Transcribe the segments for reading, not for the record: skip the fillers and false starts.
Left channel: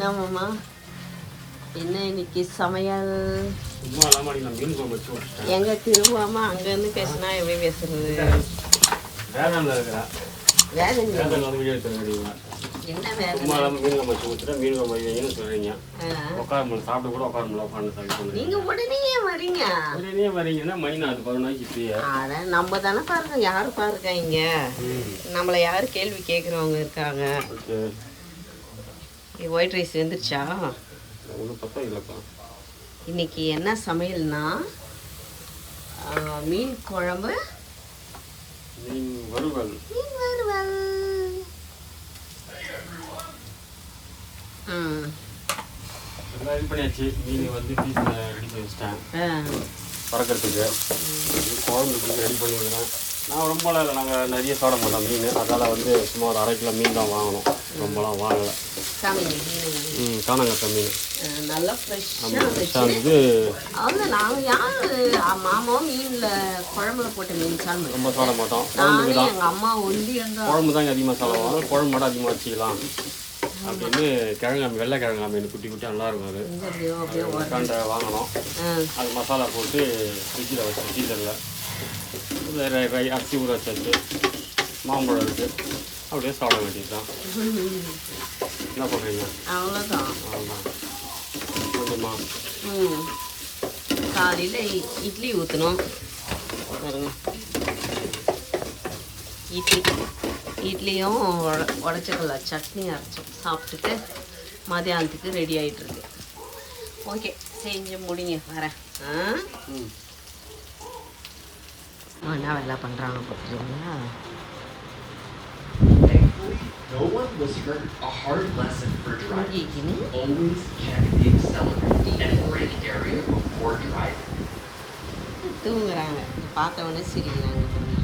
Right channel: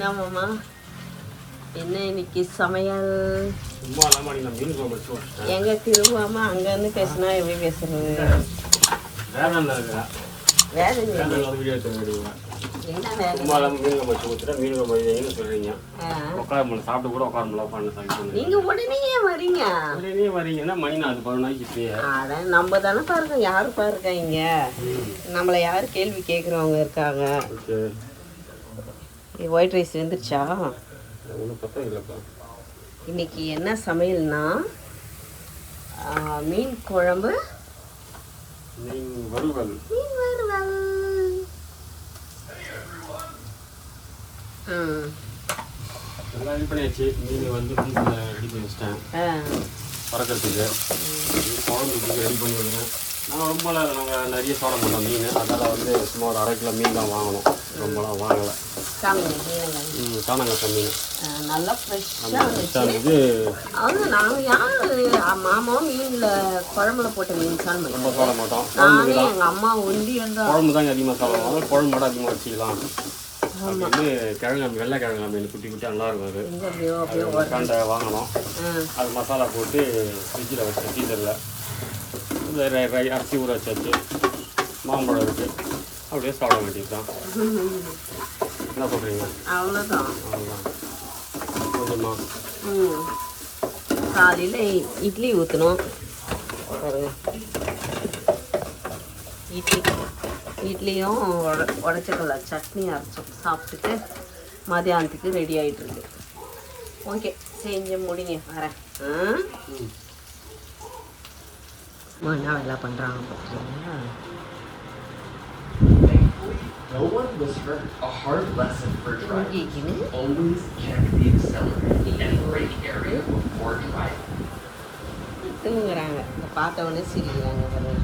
நம்மம்மா என்ன இன்னைக்கு சமையல்? எங்க திரும்பாம அங்கேருந்து பேசினா எப்படி பேசுறது? நீங்க உடனே வரீங்க. நம்ம தானே பாருங்க, யாரு பாருங்க இங்க நம்மள யாரு கேள்வி கேட்கறவங்க இருக்காங்க. ஒயிட் ரைஸ் வந்துருச்சா? இன்னைக்கு என்ன சமையல்னா மீன் குழம்பு, மீன் வறுவல். ரெடி பண்ணியாச்சு. மீன் வந்து ரெடி பண்ணி வச்சிட்டேன் பறக்கிறதுக்கு. குழம்புக்கு ரெடி பண்ணி வைக்கிறோம். நான் ரொம்ப நாங்கள் நிறைய சாப்பிட மாட்டோம் மீன், அதனால் வந்து சும்மா ஒரு 1/2 கிலோ மீன் தான் வாங்கணும். ரொம்பலாம் வாங்கலை. காணாங்கத்தை மீன் நல்லா ஃப்ரெஷ்ஷாக இருந்தது. அவங்க நாங்கள் யார் மாமாவும் மீனில் குழம்புல போட்ட மீன் சாப்பிட ரொம்ப சாப்பிட மாட்டோம். குழம்புக்கு தான் எங்கள் அம்மா ஒண்டி குழம்பு தாங்க அதிகமாக சாப்பிடுவாங்க. குழம்பு மட்டும் அதிகமாக வச்சுக்கலாம் அப்படின்னு. கிழங்கு வெள்ளை கிழங்கு மீன் குட்டி குட்டி நல்லா இருக்கும். அது கண்டை வாங்கணும். அது மசாலா போட்டு ஃப்ரிட்ஜில் வச்சு டீசரில் அரிசி ஊற வச்சாச்சு. மாம்பழம் இருக்குது, அப்படியே சாப்பிட வேண்டியது தான். என்ன சொல்கிறீங்க? அவ்வளோதான். கொஞ்சமா காலையில் இட்லி ஊற்றணும் பாருங்க. இட்லியும் உடச்சக்கல்ல சட்னி அரைச்சோம். சாப்பிட்டுட்டு மதியானத்துக்கு ரெடி ஆகிட்டுருக்கு. ஓகே, செஞ்சு முடிங்க. வரேன். என்ன வேலை பண்ணுறாங்க பார்த்தீங்கன்னா? No one whispered a hard lesson for driving. Always check the accelerator and brake area before driving. தூங்குறாங்க. பார்த்தவொடனே சிரிக்கிறாங்க பாருங்க.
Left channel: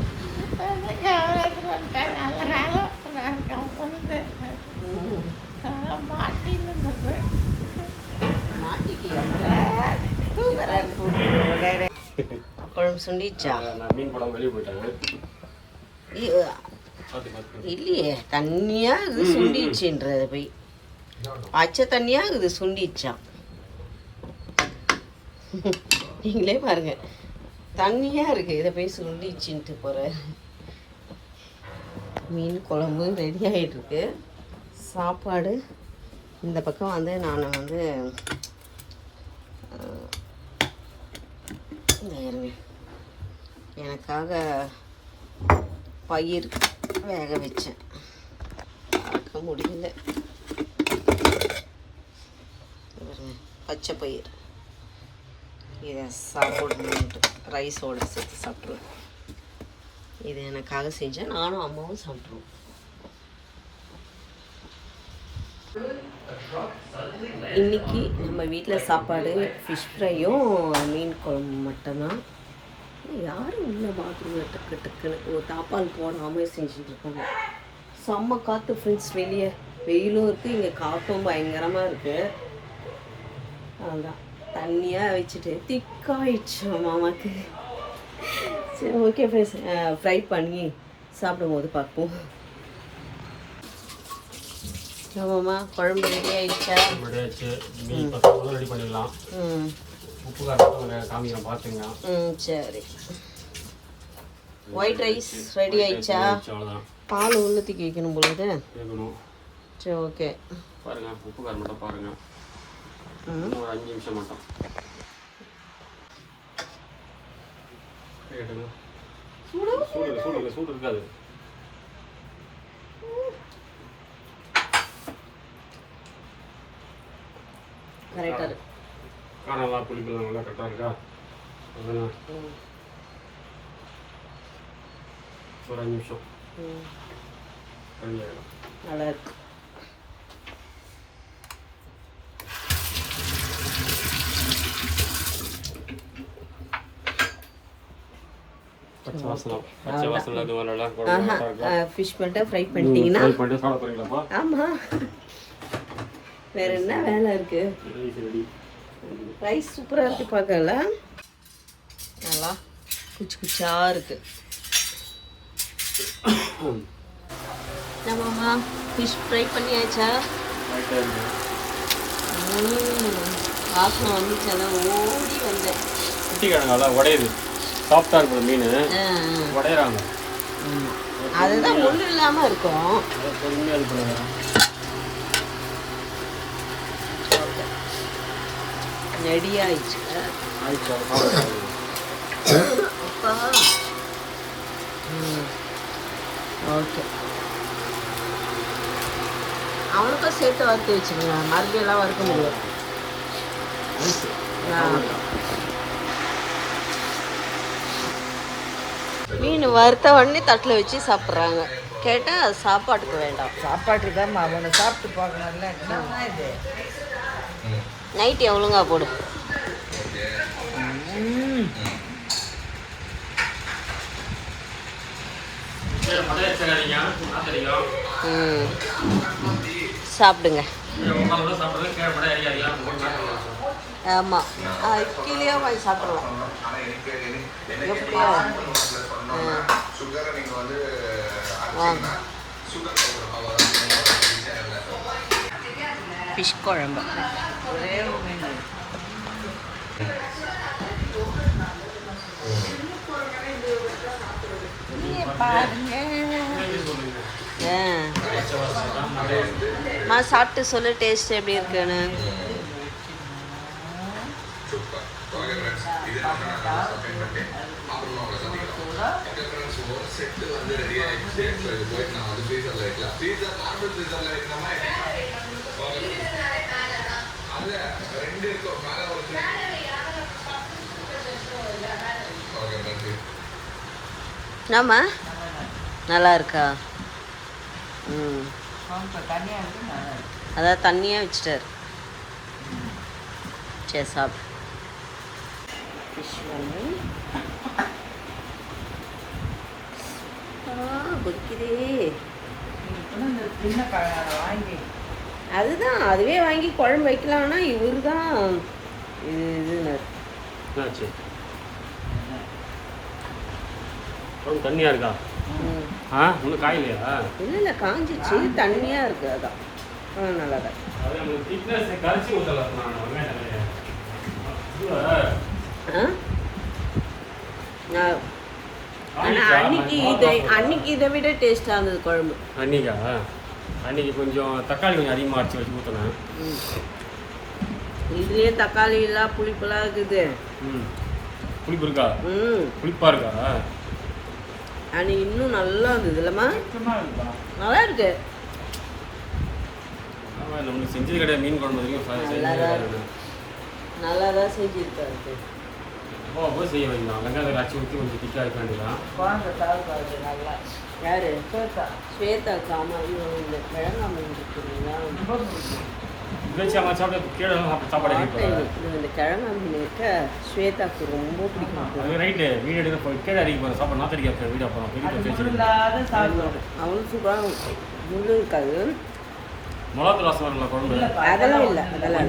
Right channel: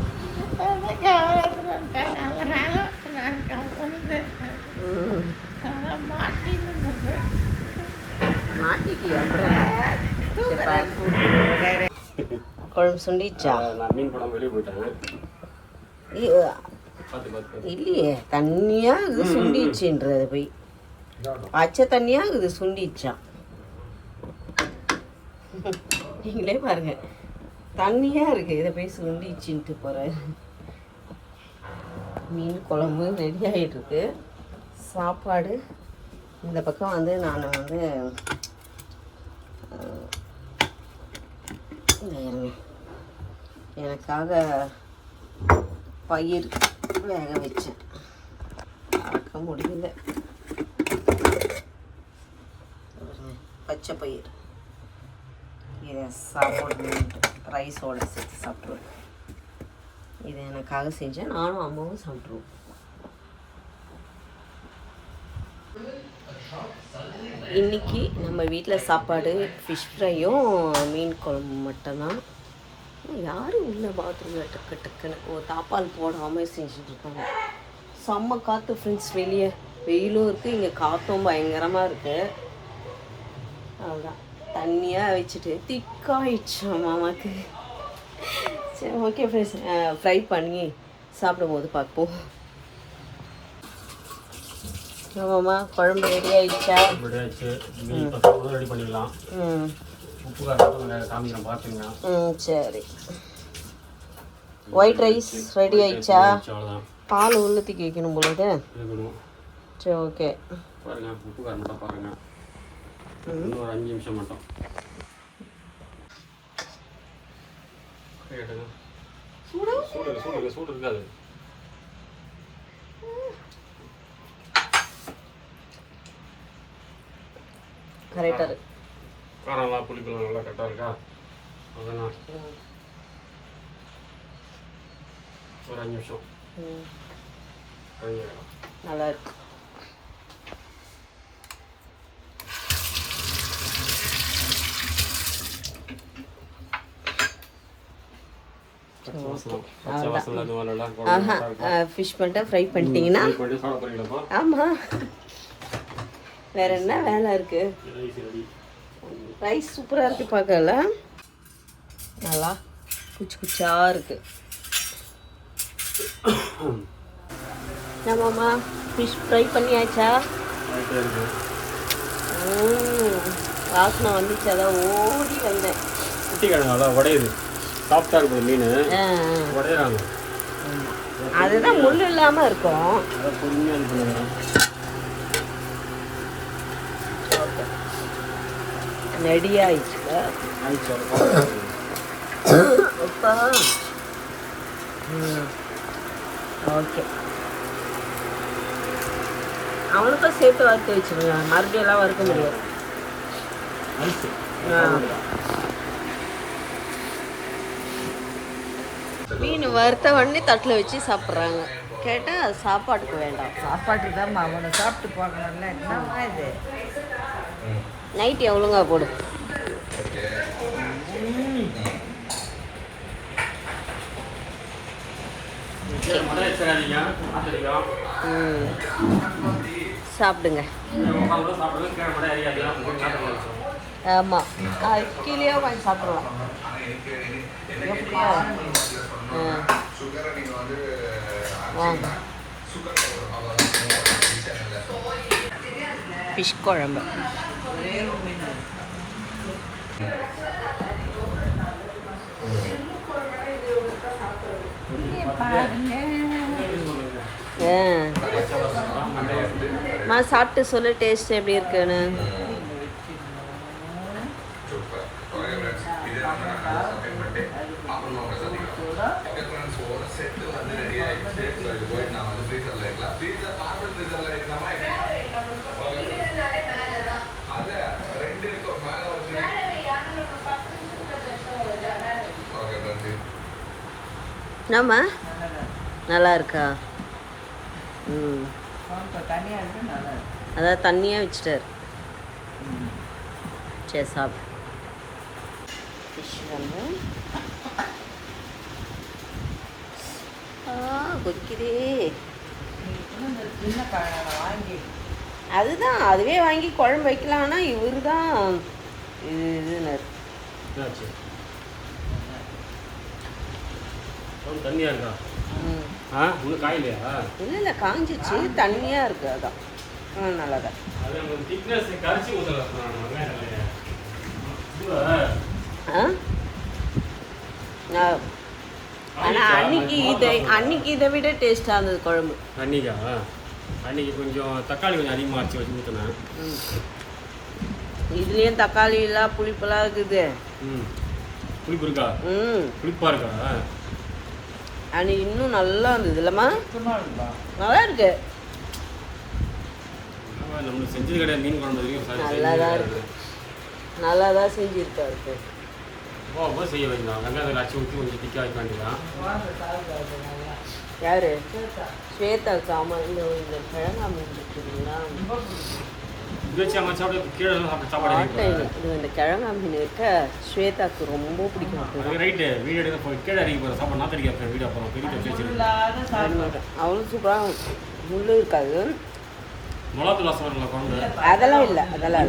குழம்பு சுண்டிச்சா? நான் மீன் குழம்பு வெளியே போயிட்டேன். இல்லையே, தண்ணியாக இது சுண்டிச்சுன்றது போய் பச்சை தண்ணியாக இது சுண்டிச்சான். நீங்களே பாருங்க, தண்ணியாக இருக்குது, இதை போய் சுண்டிச்சுன்ட்டு போகிற. மீன் குழம்பு ரெடி ஆகிட்டுருக்கு. சாப்பாடு இந்த பக்கம் வந்து நான் வந்து எனக்காக பயிர் வேக வச்சேன். பார்க்க முடியல. பச்சை பயிர் இதை சாப்பிடணுன்ட்டு ரைஸோடு சேர்த்து சாப்பிடுவேன். இது எனக்காக செஞ்சேன். நானும் அம்மாவும் சாப்பிட்ருவோம். இன்றைக்கி நம்ம வீட்டில் சாப்பாடு ஃபிஷ் ஃப்ரையும் மீன் குழம்பு மட்டும்தான். யாரும் இல்லை பாத்ரூமில் டக்குன்னு தாப்பால் போடாமல் செஞ்சுட்ருக்காங்க. செம்ம காற்று ஃப்ரெண்ட்ஸ். வெளியே வெயிலும் இருக்குது, இங்கே காற்றும் பயங்கரமாக இருக்குது. அதுதான் தண்ணியாக வச்சுட்டு திக்காயிடுச்சு மாமாக்கு. சரி, ஓகே ஃப்ரெண்ட்ஸ், ஃப்ரை பண்ணி சாப்பிடும்போது பார்ப்போம். ஆமாம்மா, குழம்பு ரெடி ஆகிடுச்சா? ரெடி பண்ணிடலாம். உப்பு காமிக்கிறேன் பார்த்துங்க. சரி. ஒயிட் ரைஸ் ரெடி ஆயிடுச்சா? பால் உள்ளத்துக்கு வைக்கணும் பொழுது. சரி, ஓகே. பாருங்க, உப்பு காரம் மட்டும் பாருங்க. ஒரு 5 நிமிஷம் மட்டும் சூடு இருக்காது. கரெக்டாக இருக்கு. காரம்லாம் புளிப்பெல்லாம் நல்லா கரெக்டாக இருக்கா? அதெல்லாம் ஒரு 5 நிமிஷம் நல்லா இருக்கு. ஃபிஷ் மட்டும் ஃப்ரை பண்ணிட்டீங்கன்னா? ஆமாம், வேற என்ன வேலை இருக்கு? ரைஸ் சூப்பராக இருக்குது, பார்க்கல நல்லா குச்சி குச்சாக இருக்குது. நம்மம்மா ஃபிஷ் ஃப்ரை பண்ணியாச்சா? ரைட்டாக இருக்குது. வாசனை வந்து சில ஓடி வந்தேன். குட்டி கிழங்கு அதான் உடையுது. சாஃப்டாக இருக்குது மீன், உடையிறாங்க. அதுதான் முள் இல்லாமல் இருக்கும். பொறுமையாக இது பண்ண வரோம். ரெடியாகிடுச்சு. ஆயிடுச்சு. ஓகே, அவனுக்கும் சேர்த்து வறுத்து வச்சுருங்க. மறுபடியும் எல்லாம் வறுக்க முடியாது. மீன் வறுத்த உடனே தட்டில் வச்சு சாப்பிட்றாங்க. கேட்டால் அது சாப்பாட்டுக்கு வேண்டாம். சாப்பாட்டுக்கு தான் அவனை சாப்பிட்டு பார்க்கணும்ல. என்னம்மா இது நைட்டு எவ்வளோங்க போடு. சாப்பிடுங்க. ஆமாம், அது கீழே வாங்கி சாப்பிடலாம். எப்படியா வாங்க. ஃபிஷ் குழம்பு. சாப்பிட்டு சொல்லு டேஸ்ட் எப்படி இருக்குன்னு. என்னம்மா நல்லா இருக்கா? அதான் தண்ணியாக வச்சுட்டார். சரி சாப்பிடு. ஃபிஷ் வந்து கொதிக்குது. அதுதான் அதுவே வாங்கி குழம்பு வைக்கலாம்னா இவரு தான் இதுன்னு. தண்ணியாக இருக்கா? இன்னும் காயிலையா? இல்லை இல்லை, காஞ்சிச்சு, தண்ணியாக இருக்குது. அதான் நல்லா தான். ஆனால் அன்னைக்கு இதை விட டேஸ்ட்டாக இருந்தது குழம்பு. அன்னைக்கு கொஞ்சம் தக்காளி கொஞ்சம் அதிகமாக அரைச்சி வச்சு ஊற்றணும். இதுலேயும் தக்காளி எல்லாம் புளிப்பெல்லாம் இருக்குது. புளிப்பு இருக்கா? புளிப்பாக இருக்கா? அன்னைக்கு இன்னும் நல்லா இருந்தது இல்லைம்மா? நல்லா இருக்கு. நம்ம செஞ்சது கிடையாது மீன் குழம்பு. நல்லா தான் செஞ்சுருக்காரு. போக செய்ய வேண்டாம். வெங்காயத்தை அரைச்சி ஊற்றி கொஞ்சம் திக்காக வைக்க வேண்டியதான். யாரு? ஸ்வேதாக்கு. ஆமாம், இன்னும் இந்த கிழங்கா மீன் இருக்குங்களா? இந்த கிழங்கா மீன் இருக்க ஸ்வேதாக்கு ரொம்ப பிடிக்கும். அவனும் சூப்பராக முள்ளு இருக்காது. அதெல்லாம் இல்லை, அதெல்லாம்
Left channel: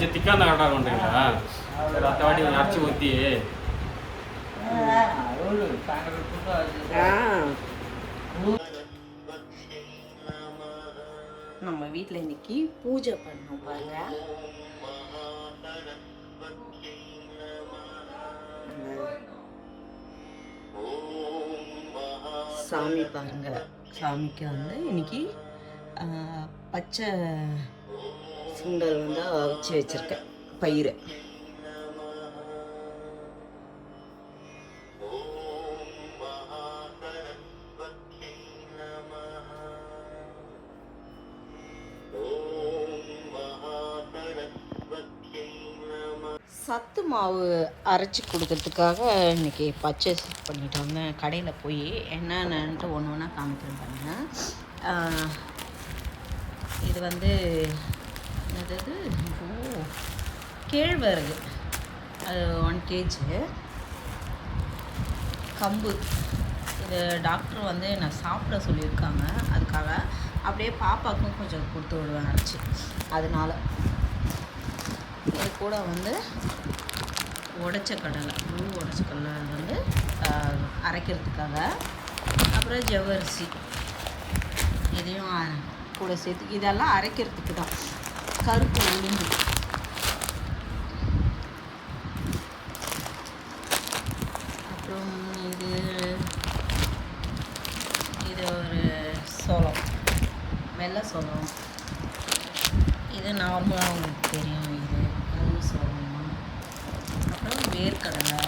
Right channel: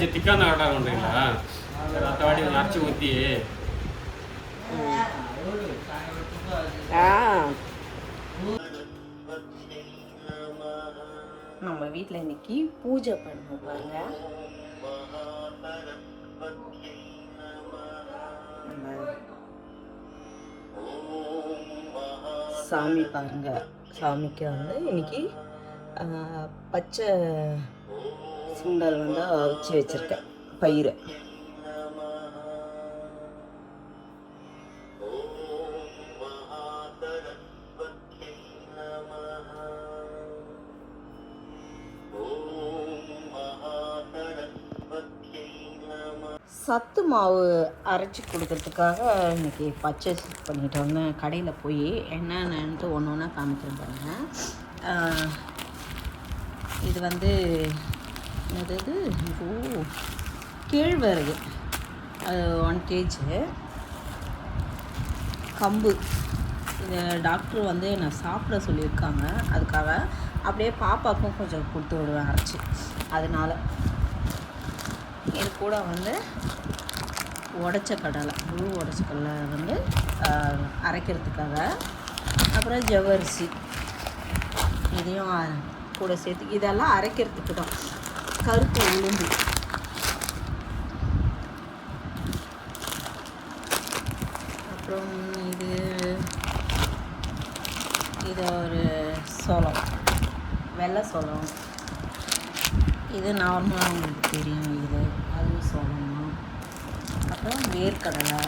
நம்ம வீட்டில் இன்னைக்கு பூஜை பண்ணோம் பாருங்க. சாமி பாருங்க. சாமிக்கு வந்து இன்னைக்கு பச்சை சுண்டல் வந்து வச்சு வச்சிருக்கேன், பயிறு. சத்து மாவு அரைச்சி கொடுக்கறதுக்காக இன்றைக்கி பர்ச்சேஸ் பண்ணிட்டு வந்தேன் கடையில் போய். என்னென்னட்டு ஒன்று ஒன்றா காமிக்கிறேன் பாருங்கள். இது வந்து என்னது, கேழ்வரகு 1 kg, கம்பு. இது டாக்டர் வந்து என்னை சாப்பிட சொல்லியிருக்காங்க, அதுக்காக அப்படியே பாப்பாவுக்கும் கொஞ்சம் கொடுத்து விடுவேன் அரைச்சி. அதனால இது கூட வந்து உடச்ச கடலை, முழு உடச்ச கடலை வந்து அரைக்கிறதுக்காக. அப்புறம் ஜவ்வரிசி, இதையும் கூட சேர்த்து. இதெல்லாம் அரைக்கிறதுக்கு தான். கருப்பு உளுந்து. அப்புறம் இது ஒரு சோளம், வெள்ளை சோளம். இது நார்மலாக உங்களுக்கு தெரியும், இது அது சோளம் தான். அப்புறம் வேர்க்கடலை,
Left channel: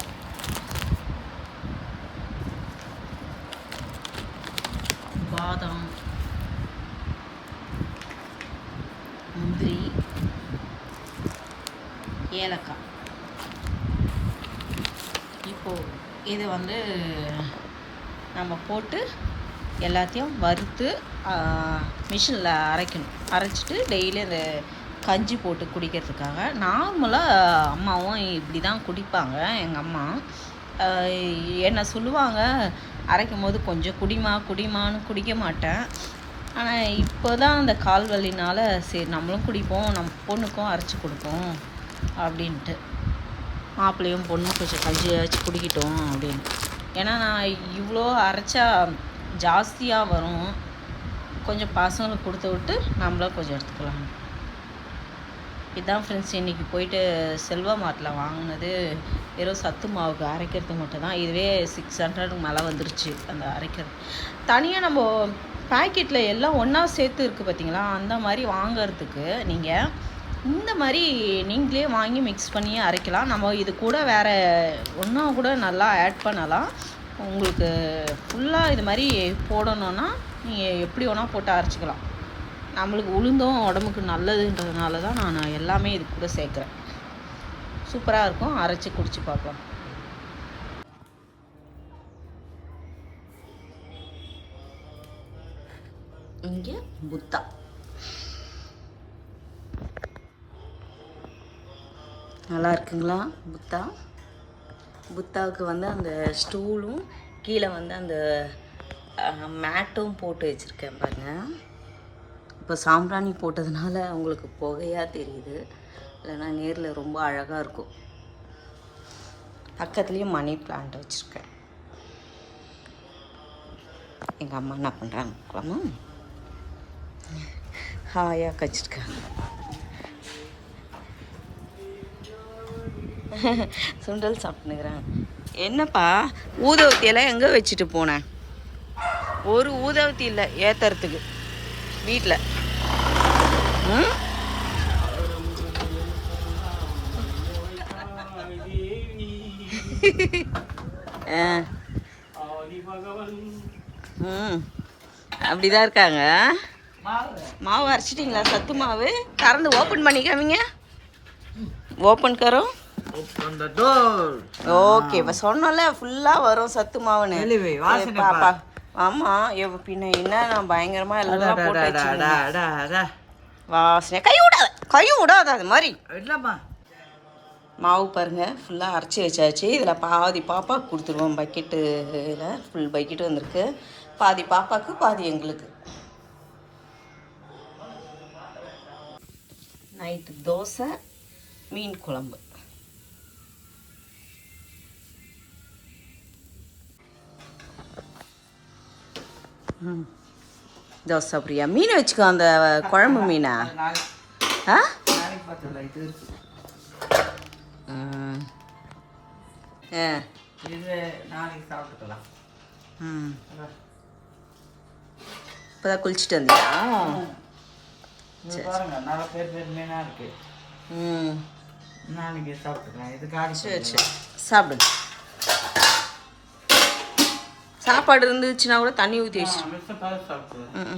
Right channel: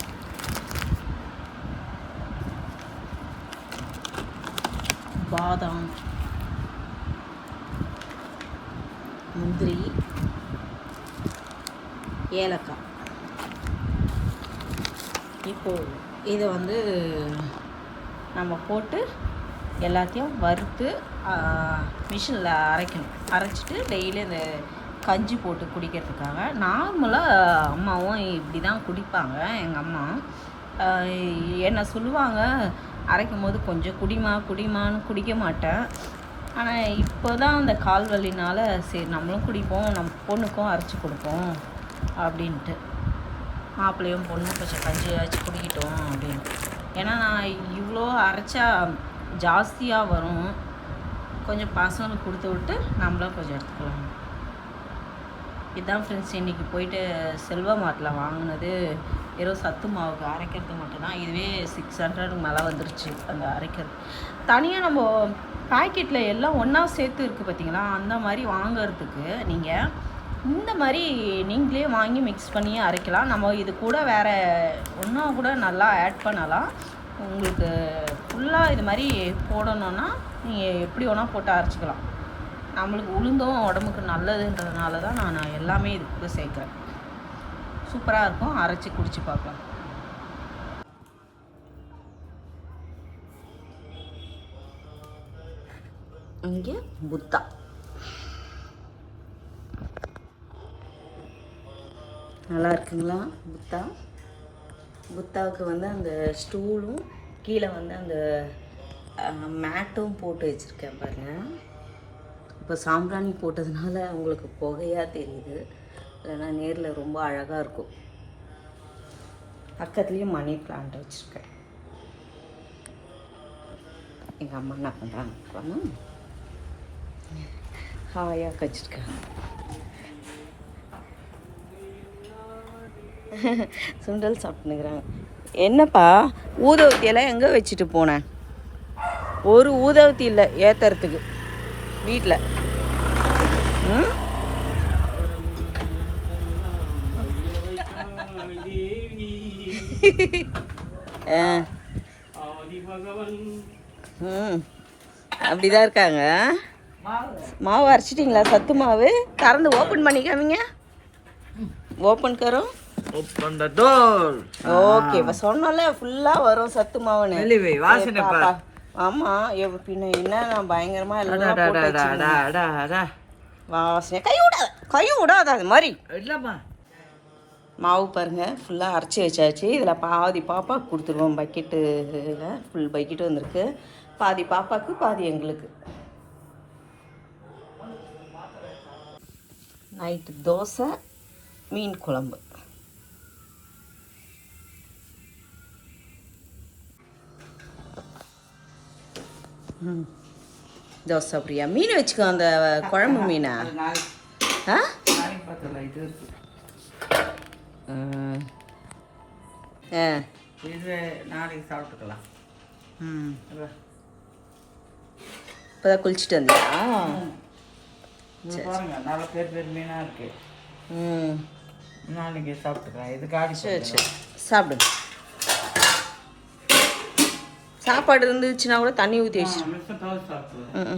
பாதாம், முந்திரி, ஏலக்காய். இப்போது இதை வந்து நம்ம போட்டு எல்லாத்தையும் வறுத்து மிஷினில் அரைக்கணும். அரைச்சிட்டு டெய்லி அந்த கஞ்சி போட்டு குடிக்கிறதுக்காக. நார்மலாக அம்மாவும் இப்படி தான் குடிப்பாங்க. எங்கள் அம்மா என்ன சொல்லுவாங்க, அரைக்கும் போது கொஞ்சம் குடிமான்னு குடிக்க மாட்டேன். ஆனால் இப்போ தான் அந்த கால் வலினால் சரி நம்மளும் குடிப்போம், நம்ம பொண்ணுக்கும் அரைச்சி கொடுப்போம் அப்படின்ட்டு. மாப்பிள்ளையும் பொண்ணு கொஞ்சம் கஞ்சியாச்சும் குடிக்கட்டும் அப்படின்னு. ஏன்னா நான் இவ்வளோ அரைச்சா ஜாஸ்தியாக வரும், கொஞ்சம் பசங்களுக்கு கொடுத்து விட்டு நம்மளும் கொஞ்சம் எடுத்துக்கலாம். இதுதான் ஃப்ரெண்ட்ஸ் இன்றைக்கி போயிட்டு செல்வா மார்ட்டில் வாங்கினது. வெறும் சத்து மாவுக்கு அரைக்கிறது மட்டும்தான். இதுவே 600 மேலே வந்துருச்சு அந்த அரைக்கிறது. தனியாக நம்ம பேக்கெட்டில் எல்லாம் ஒன்றா சேர்த்து இருக்குது பார்த்தீங்களா, அந்த மாதிரி வாங்கிறதுக்கு நீங்கள் இந்த மாதிரி நீங்களே வாங்கி மிக்ஸ் பண்ணி அரைக்கலாம். நம்ம இது கூட வேறு ஒன்றா கூட நல்லா ஆட் பண்ணலாம். உங்களுக்கு ஃபுல்லாக இது மாதிரி போடணுன்னா நீங்கள் எப்படி வேணால் போட்டு அரைச்சிக்கலாம். நம்மளுக்கு உளுந்தும் உடம்புக்கு நல்லதுன்றதுனால தான் நான் எல்லாமே இது கூட சேர்க்குறேன். சூப்பராக இருக்கும், அரைச்சி குடிச்சு பார்க்கலாம். இங்கே புத்தா, நல்லா இருக்குங்களா புத்தா? புத்தாவுக்கு வந்து அந்த ஸ்டூலும் கீழே வந்து அந்த மேட்டும் போட்டு வச்சுருக்கேன் பாருங்கள். இப்போ சாம்பிராணி போட்டதுனால உங்களுக்கு புகையாக தெரியுது, இல்லைன்னா நேரில் ரொம்ப அழகாக இருக்கும். பக்கத்துலேயும் மணி பிளான்ட் வச்சுருக்கேன். எங்கள் அம்மா என்ன பண்ணுறாங்க, ஹாயாக வச்சுருக்காங்க. சுண்டல் சாப்பிட்டுனுக்குறாங்க. என்னப்பா ஊதவத்தியெல்லாம் எங்கே வச்சுட்டு போனேன்? ஒரு ஊதவத்தி இல்லை ஏற்றுறதுக்கு வீட்டில். அப்படிதான் இருக்காங்க. மாவு அரைச்சிட்டிங்களா? சத்து மாவு திறந்து ஓப்பன் பண்ணிக்காமீங்க. ஓப்பன் கரோம். ஓகே, இப்போ சொன்னோம்ல ஃபுல்லாக வரும் சத்து மாவுன்னு. பாப்பா ஆமாம், பின்ன என்ன நான் பயங்கரமாக எல்லாம் போட்டு வாசனை. கையும் விடாத அது மாதிரி இல்லைம்மா. மாவு பாருங்கள் ஃபுல்லாக அரைச்சி வச்சாச்சு. இதில் பாதி பாப்பாவுக்கு கொடுத்துருவோம். பக்கெட்டில் ஃபுல் பக்கெட்டு வந்திருக்கு. பாதி பாப்பாவுக்கு பாதி எங்களுக்கு. நைட்டு தோசை, மீன் குழம்பு. தோசை அப்படியா? மீன் வச்சுக்கோ, அந்த குழம்பு மீனா? ஆ இது இருக்கு. இது நாளைக்கு சாப்பிட்டுக்கலாம். இப்போதான் குளிச்சுட்டு வந்தியா? பாருங்க நல்ல பேர் மீனாக இருக்கு. நாளைக்கு சாப்பிட்டுக்கலாம். இது காடி. சரி சரி சாப்பிடுங்க. சாப்பாடு இருந்துச்சுன்னா கூட தண்ணி ஊற்றி வச்சு சாப்பிடுங்க.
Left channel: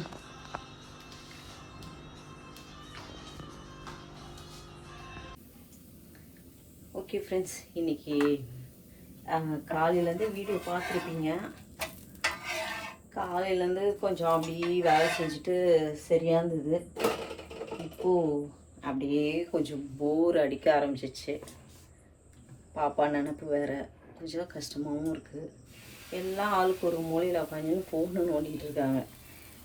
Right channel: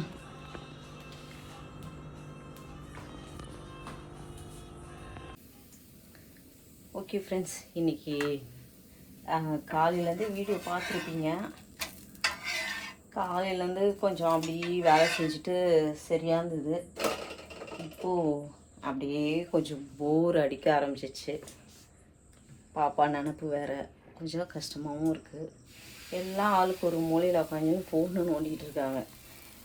ஓகே ஃப்ரெண்ட்ஸ், இன்றைக்கி காலையிலேருந்து வீடியோ பார்த்துருக்கீங்க. காலையிலேருந்து கொஞ்சம் அப்படி வேலை செஞ்சுட்டு சரியாக இருந்தது. இப்போது அப்படியே கொஞ்சம் போர் அடிக்க ஆரம்பிச்சிச்சு. பாப்பா நினப்பு வேறு கொஞ்சம் கஷ்டமாகவும் இருக்குது. எல்லாம் ஆளுக்கு ஒரு மூலையில் உட்காந்து ஃபோன்னு நோண்டிகிட்டு இருக்காங்க.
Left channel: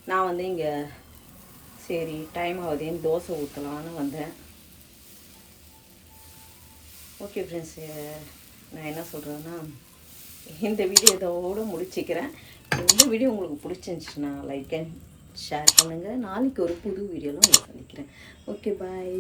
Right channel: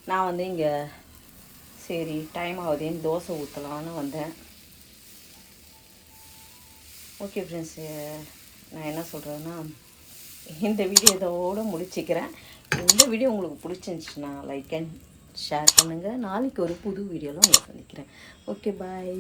நான் வந்து இங்கே சரி டைம் ஆகுதுன்னு தோசை ஊற்றலான்னு வந்தேன். ஓகே ஃப்ரெண்ட்ஸ், நான் என்ன சொல்கிறேன்னா இந்த வீடியோ இதோடு முடிச்சுக்கிறேன். இந்த வீடியோ உங்களுக்கு பிடிச்சிருந்துச்சுன்னா லைக் அண்ட் ஷேர் பண்ணுங்கள். நாளைக்கு ஒரு புது வீடியோவில் உங்களை சந்திக்கிறேன். ஓகே. Okay bye.